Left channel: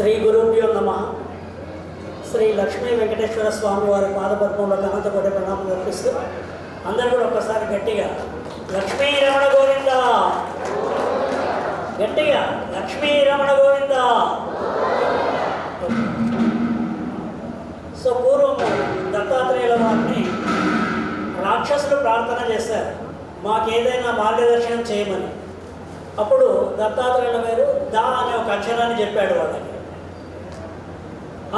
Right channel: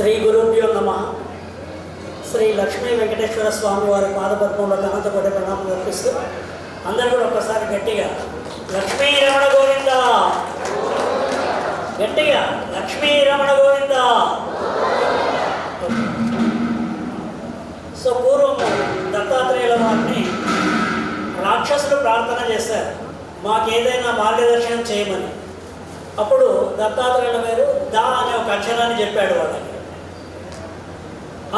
శ్రీ గురుభ్యో నమః. శ్రీ లక్ష్మీ వెంకటేశ్వర స్వామి వారి పాదపద్మంలో అనంతకోటి ప్రణామం అర్పిస్తూ అందరూ కూడా ఒక్కసారి గట్టిగా లక్ష్మీ రమణ గోవింద, గట్టిగా లక్ష్మీ రమణ గోవింద. సో పూర్వము దత్తాత్రేయుల వారిని రాక్షసులు ప్రార్థన చేశారు, మాకేదైనా మార్గదర్శనం చేయమని. అప్పుడు దత్తాత్రేయుల వారు దా అనే ఒక అక్షరాన్ని చెప్పాడు వాళ్ళకి.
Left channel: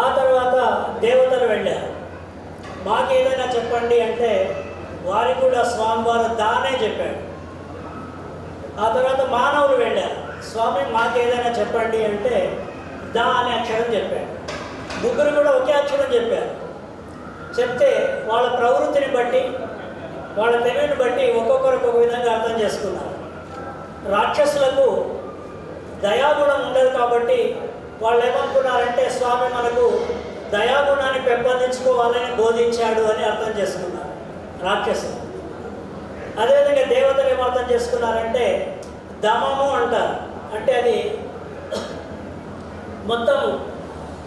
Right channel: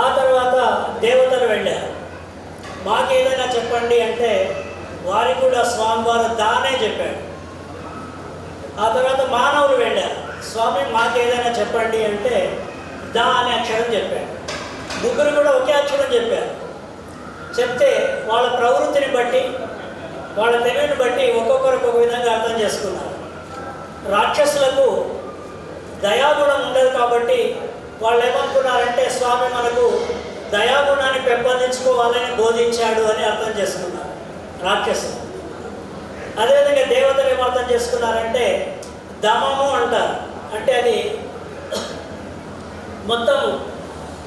ఆ తర్వాత దేవతలు వెళ్ళారు, మాకేదైనా చెప్పండి అంటే వారికి కూడా స్వామివారు దానే చెప్పాడు. ఆ తర్వాత మానవులు వెళ్ళారు, స్వామి మాకేదైనా చెప్పండి అంటే దా అనే అక్షరం చెప్పాడు. ముగ్గురు కూడా ఒకే అక్షరం చెప్పారు. చెప్తే వాళ్ళ ప్రవృత్తిని బట్టి వాళ్ళ తెలివిని బట్టి ఒక్కొక్కరు ఒక్కొక్క విధంగా అర్థం చేసుకున్నారు. రాక్షసులకు దయాగుణం ఉండదు కాబట్టి వాళ్ళు ఏమనుకున్నారంటే స్వామి మనకు దయాగుణాన్ని పెంపొందించుకోవాలని బోధించాడు అని అర్థం చేసుకున్నారు రాక్షసులు. అదేవిధంగా దేవతలు ఏమో అర్థం చేసుకున్నారంటే దమము అంటారు, అంటే అది మొత్తం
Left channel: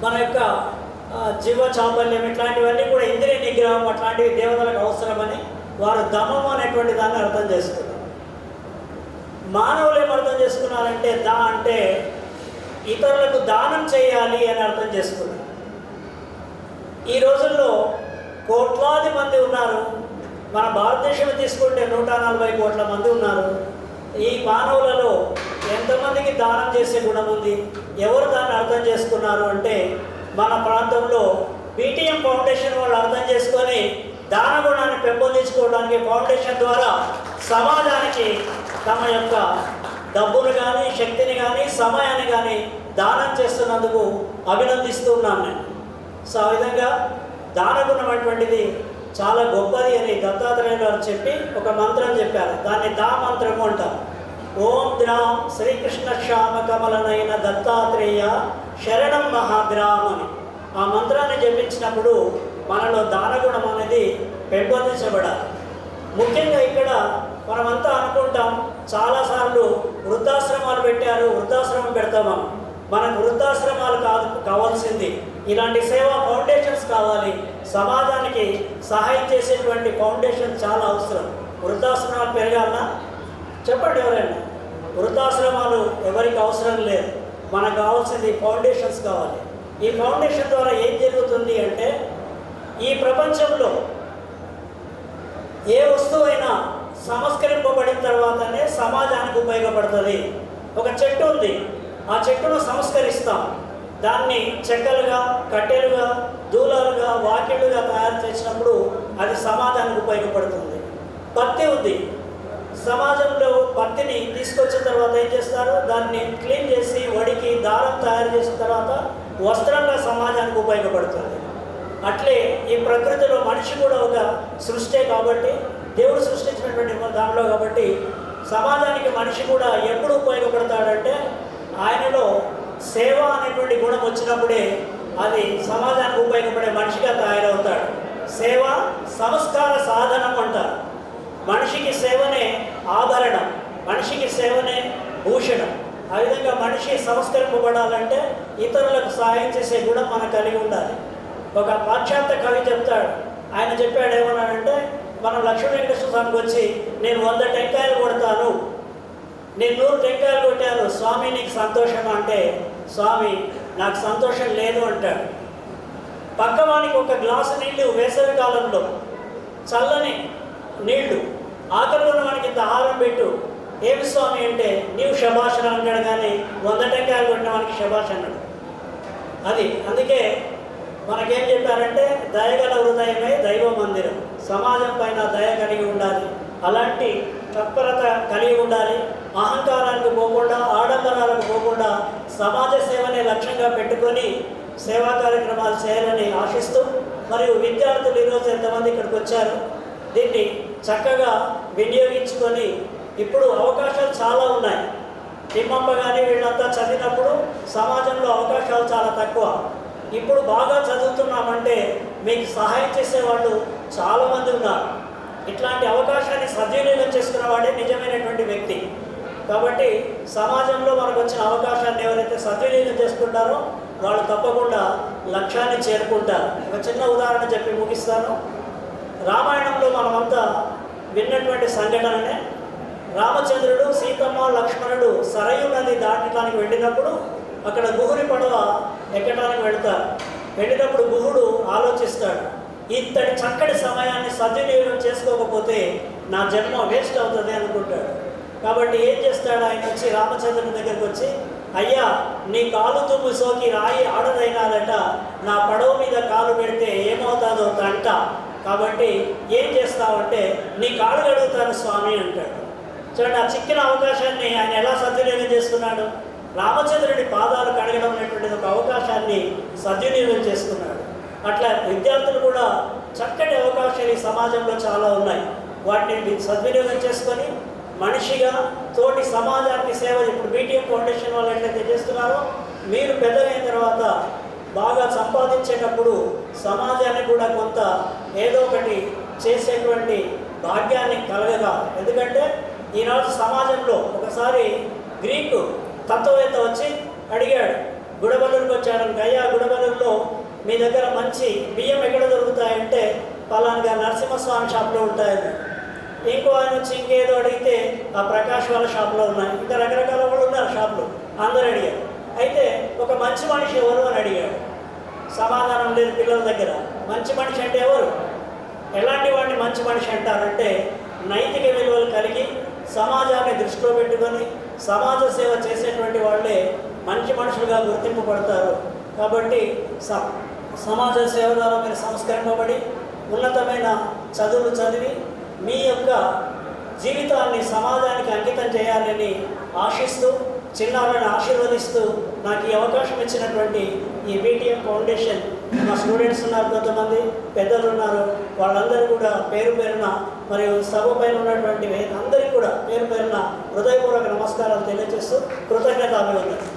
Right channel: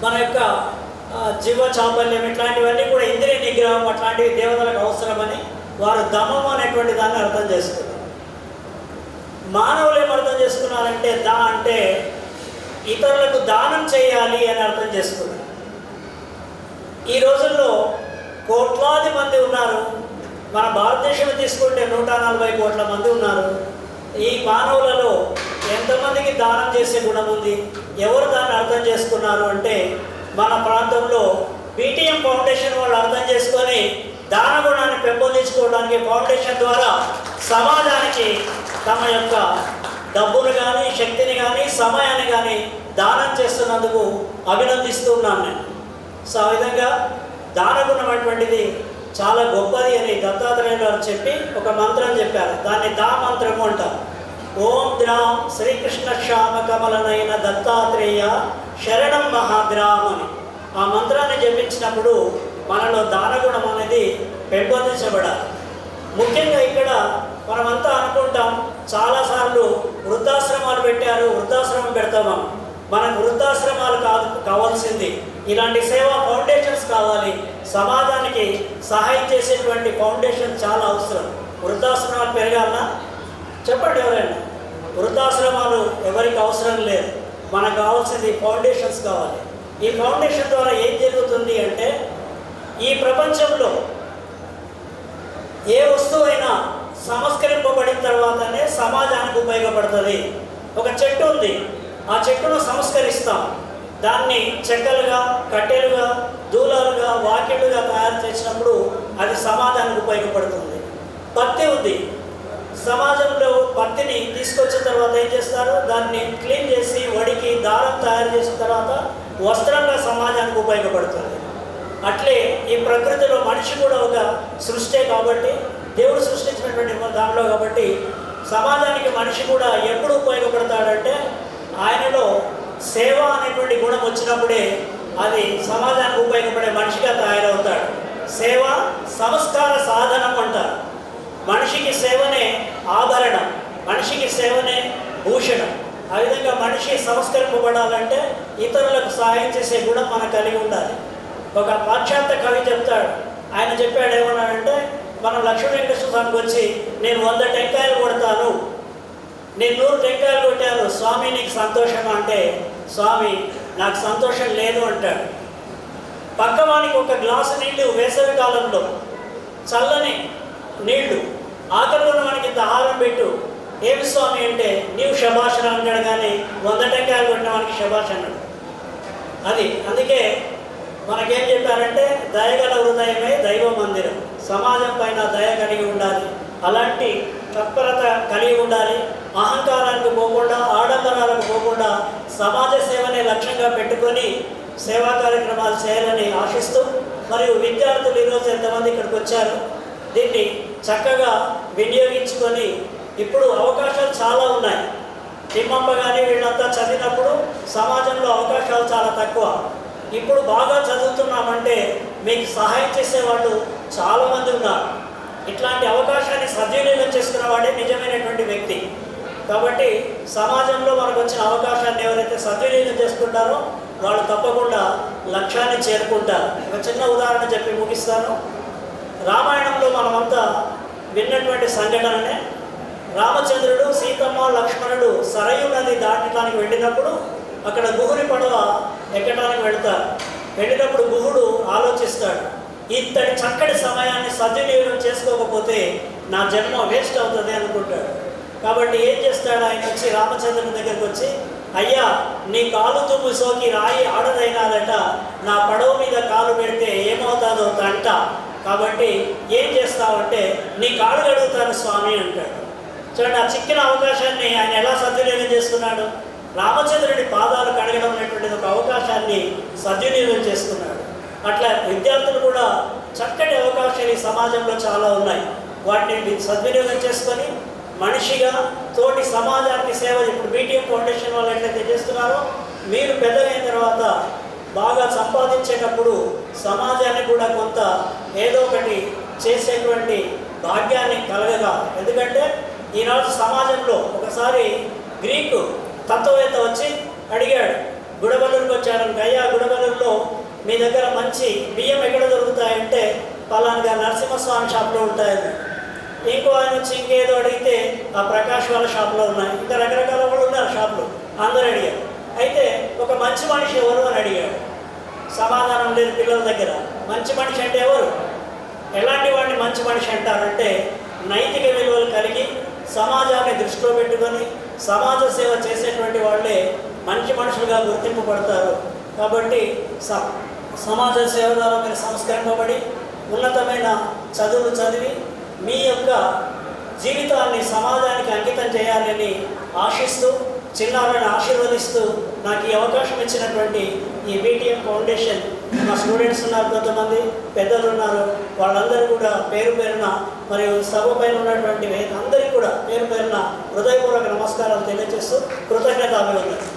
మన యొక్క జీవ చాపల్యం ఇట్లాంటివన్నీ కూడా ఇంద్రియ నిగ్రహం అట్లాంటివి దేవతలకు అవసరమని వారు దమము అనేటువంటి దాన్ని అర్థం చేసుకున్నారు. మానవులు ఏం అర్థం చేసుకున్నారంటే దా అంటే ఇతరులకు దానం చేయాలి అని అర్థం చేసుకున్నారు. ఈ రోజుల్లో కోట్లాది మంది ఉన్నారు. మన భారతదేశం తీసుకుంటే 140 కోట్ల మంది ఉన్నారు. ఈ మానవులలో ఎంతమందికి దానం చేసే గుణం ఉంది? ఎవరు దాన్ని అర్థం చేసుకున్నారు అంటే మన ప్రాంతంలో బీటీఎం ఫౌండేషన్ వాళ్ళు అర్థం చేసుకొని దాన గుణాన్ని పెంపొందించుకోవడానికి ఫౌండేషన్ ద్వారా సమాజానికి తమ యొక్క డబ్బును కానీ శక్తిని కానీ సమయాన్ని కానీ దానం చేస్తున్నందుకు అభినందిస్తూ ఉన్నాను నేను. సో ఆ విధంగా దానగుణం అటువంటిది చాలా గొప్పది అని దత్తాత్రేయులు గారు చెప్పి ఒక మంత్రం చెప్పారు. దాన్ని దా మంత్రము అంటారు. ఓం ద్రాం శ్రీకృష్ణ శ్యామ కమలనైన దత్తాత్రేయ శరణం మహాద్రాం అని ఆ మంత్రాన్ని జపించినప్పుడు మనలో దానగుణం అనేది పెంపొందించబడాలి. ముఖ్యంగా ఇక్కడ మనమంతా అనుకుంటాం, చాలాసార్లు వృద్ధాశ్రమాలు పెట్టారు, వృద్ధాశ్రమం పెడతామా. మనకు వృద్ధాశ్రమాలు కావాల్సింది ఇలాంటి సేవా ఫౌండేషన్స్ కావాలి. సమాజానికి సహాయం చేసేటువంటి ఫౌండేషన్ చాలా అవసరం. వృద్ధాశ్రమాలు పెరగాలన్నా చెప్పండి ఎవరైనా. వృద్ధాశ్రమాలు ఎవరికి అవసరం లేదు, మనకు కావాల్సింది ఫౌండేషన్స్ కావాలి. ఈ ఫౌండేషన్ ద్వారా ఏం జరుగుతుంది అంటే ఈ ప్రపంచంలో ఏ వస్తువైనా సంస్కరింపబడిన తర్వాతనే సమాజానికి ఉపయోగపడుతుంది. ఒక చెట్టు ఉంది, ఆ చెట్టును సంస్కరిస్తాం, దాన్ని చెక్కలుగా కట్టెలుగా దూలాలుగా వాకిళ్ళుగా తయారు చేసినప్పుడు అది సమాజానికి ఉపయోగపడుతుంది. పత్తి ఉంది, సమాజంలో పత్తిని తీసుకొచ్చిన తర్వాత ఏం చేస్తారు, దాన్ని క్లీన్ చేసి వడికి దారం తయారు చేసిన తర్వాత వస్త్రంగా సమాజానికి ఉపయోగపడుతుంది. అట్లే ఈ ప్రకృతిలో మనిషి కూడా ఒక సృష్టి కాబట్టి దేవుడు సృష్టించినటువంటి దానిలో కాబట్టి సమాజానికి మనిషి కూడా ఎప్పుడు ఉపయోగపడతాడంటే ఆయనలో సేవ అనేటువంటి గుణం వచ్చినప్పుడే అది సమాజానికి ఉపయోగపడే మనిషిగా తయారవుతాడు. సేవ సంస్కార సాధనం అంటారు. మనిషికి సేవనే ఆభరణం, మనిషికి సేవనే భూషణం. ఆ విధంగా మనిషి సంస్కరింపబడాలంటే ఇతరులకు సహాయం చేసే గుణం మనకు కలిగి ఉండాలి. ఒక పాశ్చాత్య కవి చెప్తాడు, ఆయన చెప్పాడు ఏమన్నాడంటే మనం లక్ష్మీ వెంకటేశ్వర స్వామికి వచ్చి నేను 100 టెంకాయలు కొడతాను, నేను 100 టెంకాయలు కొట్టాను, స్వామి నీకు సంతోషం అంటే స్వామి నాకు సంతోషం లేదు అంటాడు. పక్కవానికి ఒక గ్లాసు నీళ్లు వేసవి కాలంలో చల్లని నీళ్లు ఆకలి ఉన్న వానికి ఇంత ఆహారం పెట్టు, ఏమి స్వామి అంటే నీవు శభాషణ అంటాడు, కానీ 100 టెంకాయలు కొట్టిన వానికి శభాష్ అన్నాడు. అది అందుకే మనకేం చెప్పారంటే దయగల హృదయమే దైవ మందిరం. సమాజం పైన దయ కలిగి ఉండాలి, అలాంటి తత్పరత కలిగి ఉండాలి. అహంకారానికి పోకుండా ఆడంబరాలకు పోకుండా సమాజ సేవనే లక్ష్యంగా పెట్టుకొని సేవా కార్యక్రమాలు చేయాలని ఆశిస్తూ, మరియు విద్యార్థులు ఈరోజు ఎంతమంది ఇక్కడికి వచ్చారు, దీన్ని చక్కగా వినియోగించుకొని ఇప్పుడు అవకాశాలు చాలా ఉన్నాయి. తిమ్మమ్మ కానీ వీళ్ళంతా చదివినప్పుడు సమాజంలో అవకాశాలు చాలా తక్కువ. ఇప్పుడు బాగా చదువుతున్నామంటే మీకు సహాయం చేసేవాళ్ళు చాలామంది ఉన్నారు. ఇట్లాంటి అవకాశాన్ని సద్వినియోగం చేసుకున్న వాడే నిజమైనటువంటి వ్యక్తి. కాబట్టి సమాజంలో మనకు వచ్చిన అవకాశాన్ని ఎవరైతే సద్వినియోగం చేసుకుంటారో వాళ్ళు తప్పకుండా లక్ష్యాన్ని చేరుకుంటారు. ఒక చిన్న ఉదాహరణ చెప్పి ముగిస్తాను. రామాయణంలో మనమంతా విన్నటువంటి సంఘటననే, రామచంద్రుడు, సీతమ్మ, లక్ష్మణుడు సరయు నది దాటడానికి వెళ్ళినప్పుడు అక్కడ గుహుని పడవ ఎక్కడానికి వెళ్ళినప్పుడు గుహుడు ఆలోచిస్తాడు, ఇంతటి చక్కటి సమయాన్ని సద్వినియోగం చేసుకోకపోతే నా జన్మ వేస్ట్ అవుతుంది అనుకుంటాడు. కాబట్టి ఏం చేస్తాడు, ఆయన వచ్చి రామచంద్రుని దగ్గరికి వచ్చి, అయ్యా నీ కాలు తుమ్ము సోకి రాయి ఆడదైనాదట, నా పడవ మీద కాలు పెడితే ఏమవుతుందో తంట, కాబట్టి ఏం చేస్తావంటే నీ కాలు కడుగుతాను స్వామి అంటాడు. చూడండి, ఆ చిక్కిన అవకాశాన్ని ఆయన ఎలా సద్వినియోగం చేసుకున్నాడు. రామచంద్రుడి పాదాలు కడగడం అనేటువంటిది ఒక అవకాశాన్ని సద్వినియోగం చేసుకున్నాడు. అట్లా విద్యార్థులు కూడా చక్కటి అవకాశాలు ఈ సమాజంలో చాలా ఉన్నాయి. వాటిని సద్వినియోగం చేసుకొని మనిషిగా తోటి సమాజానికి సేవ, ఇప్పుడు బీటీఎం ఫౌండేషన్ వాళ్ళు ఎట్లయితే చేస్తున్నారో, మీరు పెద్దగైన తర్వాత బాగా సంపాదించేటప్పుడు సమాజానికి కూడా కొంత ఏదో ఒకటి చేసేటువంటి భాగ్యాన్ని కలగగా. ఎందుకంటే ఈనాడు సమాజంలో ఒకసారి గ్రీకు తత్వవేత్త వచ్చి అడిగాడు, గుడబల్లూరుకి వచ్చాడని, అయ్యా గుడబల్లూరులో మీ దగ్గర మంచి బియ్యం ఎక్కడ దొరుకుతాయంటే పలానా నరసింహస్వామి షాప్లో ఉంటాయని. ఇంకో ఆయన వచ్చి ఇంకేదో అడిగితే ఆ ప్రకాష్ వాళ్ళ షాప్లో ఉన్నాయి. ఇంకా రకరకాల వాళ్ళు ఉన్నారు షాపులు, అందరూ అడిగారు. అయితే ఒక మంచి మనిషి ఎవరు అని అడిగాడు. సమాధానం లేదు పిల్లల దగ్గర. మంచి మనిషి అంటే ఎవరు, ఎలాంటి వాడిని మంచి మనిషి అంటారంటే నైతిక విలువలు కలిగి సమాజాన్ని దృష్టిలో పెట్టుకొని సమాజ సేవ చేసేటువంటి వాళ్ళే మంచి మనుషులుగా గుర్తింపబడతారు. కాబట్టి సమాజ సేవ ద్వారా మీరు సంస్కరింపబడి ఉన్నతమైన చదువులు చదివి మీ యొక్క జీవితాన్ని సమాజానికి అంకితం చేయాలని ఆశిస్తూ, చిన్నారులను ఆశీర్వదిస్తూ, నాకు ఈ అవకాశం ఇచ్చినటువంటి ఈ బీటీఎం ఫౌండేషన్, మా స్టూడెంట్స్ ఉన్నారు, కొంతమంది పెద్దలు ఉన్నారు, వాళ్ళందరూ కూడా పేరు పేరున, మరియు సభ పైన ఉన్నటువంటి అందరికీ కూడా పేరు పేరున హృదయపూర్వక నమస్కారాలు తెలియజేస్తూ కృతజ్ఞతాభివందనలు.